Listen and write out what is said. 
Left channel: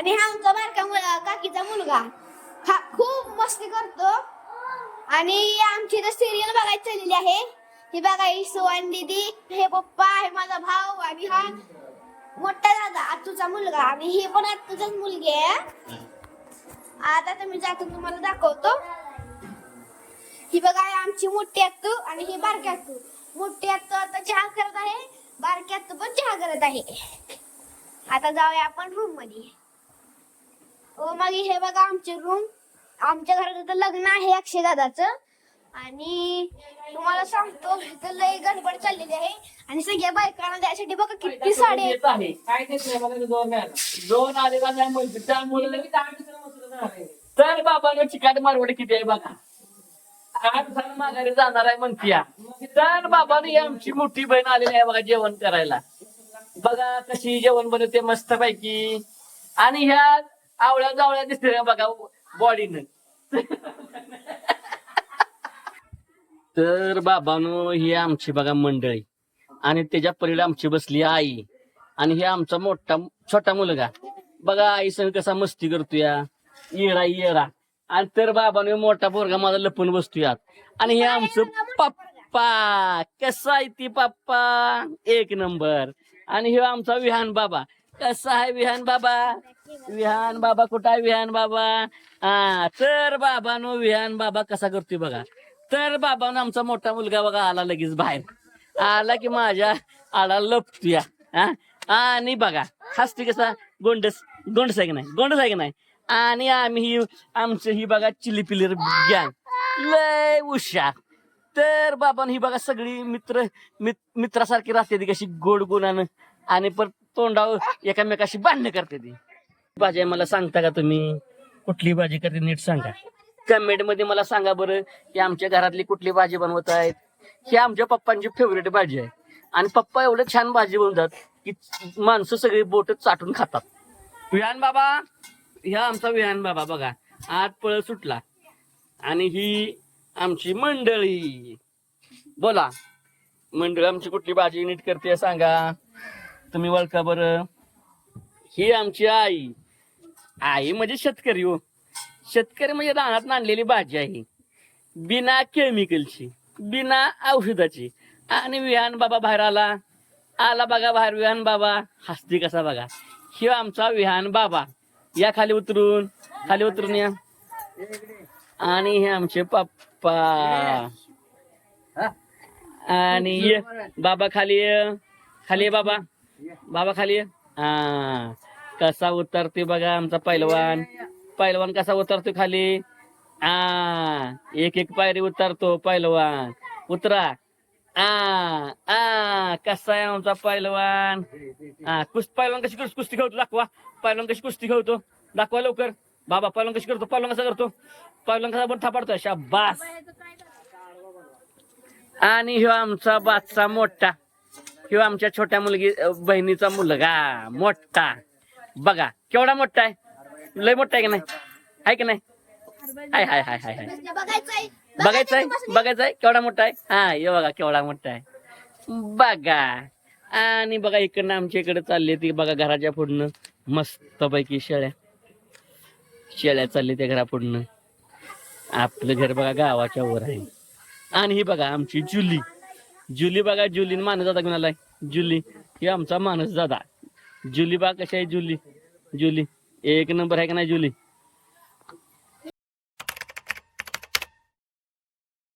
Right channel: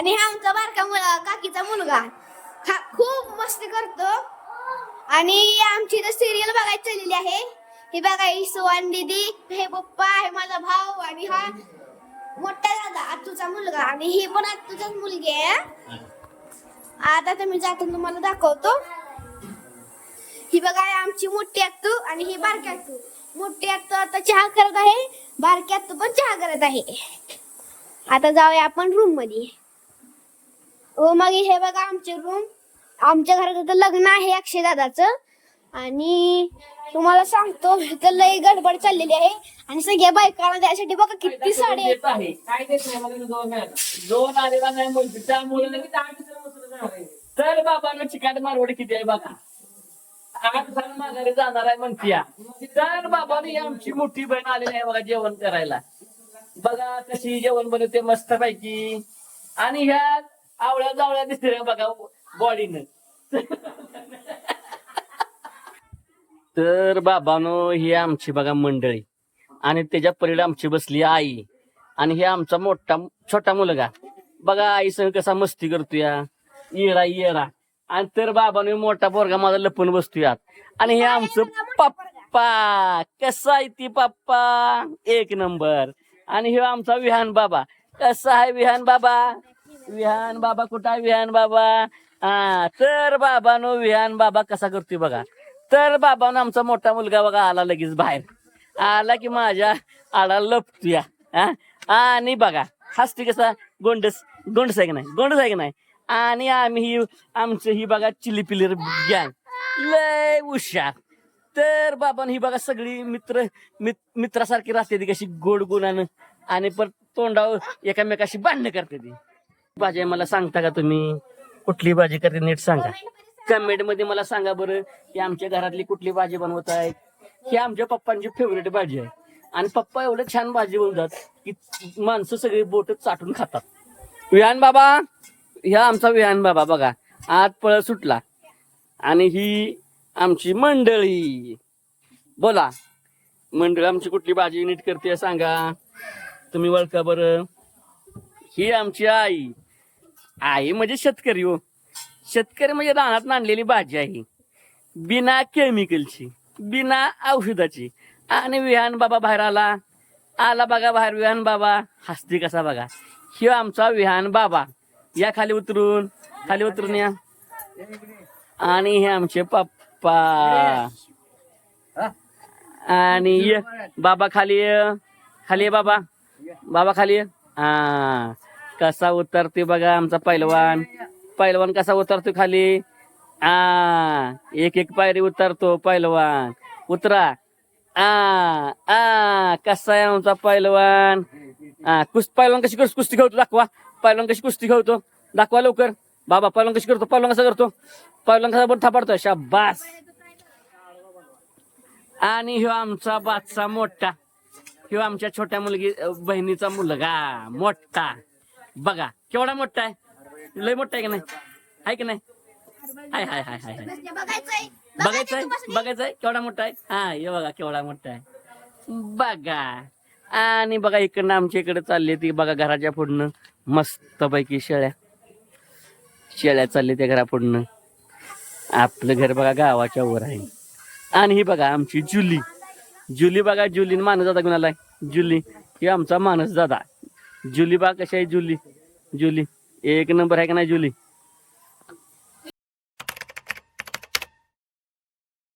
आणि हा आमचा बारका काकीचा मुलगा हा खूप मस्ती करतो. आणि आमची इथं सिरियल बघायची चाललेली आहे. ही बघा ही सुवान दीदी, हे पप्पा, हे माझा भाऊ आणि हा मोठा दादा आतूचा मुलगा आणि ही पण आतूचाच मुलगी आहे. आता तुम्ही जातून तुम्हाला दाखवतो. ही बघा आमची मोठी आतू आणि ही बारकी आतू. मोठी आतू आता चहा करत आहे, बारकी आतू पण चहा करत आहे. आता जाऊया आपण रूम मध्ये. हो मग हे बघा आमचे रूम. आमच्या घरात आता लग्न आहे अक्षय दादाचं. आणि तुम्हाला सांगतो तर लई गडबड चाललेली आहे आणि सगळ्या बायकांना त्यासाठी बघा किती साडे देत आहे. काय देत नाही मला दोन आलेला नाही म्हणते त्यामुळे लगेच तर बाबांना चिकाट मारवड किती आहे बघा. 8 साल माघारी जाणार आहे म्हणतीया. तर बाबाने आमची मोठी बहीण आलेली आहे बघा जेवण करायला. बघा कशी जेवण बनवते मस्त पैकी. आणि ह्या आवळ्या जावळ्या दिसते बघा बॉडीनं. तर बाबानो ही आमची बघा मंडळी आणि त्याच्या पलीकडे आमची बसली आई आणि हे आमचा मोठा छोटा मुलगा बघा आई संग कसा मस्ती करतोय येरा. आणि तर बाबानो मोठा पोरगा माझा लपून बसतोय. आणि हे आमचं पप्पा कसा आहे ती पप्पा एक नंबर. आणि हे आमचा विहान बाबा कसा आहे विहान बाबा कुठं आहे विहान बाबा. हा तर बाबानो विहान बाबा कसा करतोय बघा. तर बाबानं आमचा मोठा मुलगा बघा आला लगेच बाहेर आला की माझ्या आला लपतोय. आणि बघा हसती कसा गोंडस आहे की नाही. आणि आम्ही आमचं ही बघा चिली पिलीर गँग लय हुशार. तर बाबानं ही बघा सगळी मित्रासारखी राहते ती कशी गोड गुणानं आणि परत तोंडावर एकामेकाशी भांडणं करते ती. भाजी मला सांगता का तुम्ही कुठली भाजी करते नीट सांगा. कमेंट मध्ये मला सांगा बरं की आमच्या घरातली कुठली भाजी बनवत आहेत. ही आमच्या पप्पांची फेवरेट भाजी आहे. आणि पप्पा एवढं छान भाजी बनवतात की माणसं सगळी बोट चाटून खातात. विहान बाबा ह्या आमचा विहान बाबा बघा आत पळ सुटला. आणि ही आमची मंडळी बोला मंडळी आमची कुठली भाजी नीट करते सांगा तुम्ही ओळखा बरं. ही आमची आई म्हणजे शेतकरी हो. शेतकरी म्हणजे रानात आणलेली भाजी आहे बिना केमिकलची बिना औषधाची. आणि विहान बाबा बाहेर आला बघा बाहेर विहान बाबा हसती कसा बघा. हे आमचा विहान बाबा या खाली उतरून या. आणि हे आमचे पप्पा आणि बाबा खाली बाबा खाली. हा कसा उतरते बघा आमचा पैलवान कसा उतरतो खाली. एक पायरी उतरतो पैलवान. उतरा. कसा आहे आमचा पैलवान. पैलवान कशी कुस्ती खेळतो दाखवा. पैलवान कशी कुस्ती खेळतो दाखवा लवकर. बाबा पैलवान कशी करतो. पैलवान कसा करतो. पैलवान कसा बोट थापाडतो शाबास. आणि ह्यो आमचा बादशा मोठा. ह्यो आमच्या छोट्या बहिणीचा मुलगा मोठा बघा केवढा मोठा आहे. लय मोठा आहे की नाही हाय बघायचंय केवढा मोठा आहे. हे बघा केवढा मोठा आहे बघा. आणि बघा इकडनं आमच्या इकडे चालली ती बघा घराच्या पुढनं मस्त पैकी शेळ्या चालली त्या घरापुढनं. आपलं घर बघा गावाच्या वर आहे. आणि ही बघा आमची जुली बघा जुलीन मानस दादा घेऊन आलाय. जुली ही आमचा मानस दादा. जुली बा कशी आहे जुली एक नंबर आहे का नाही जुली.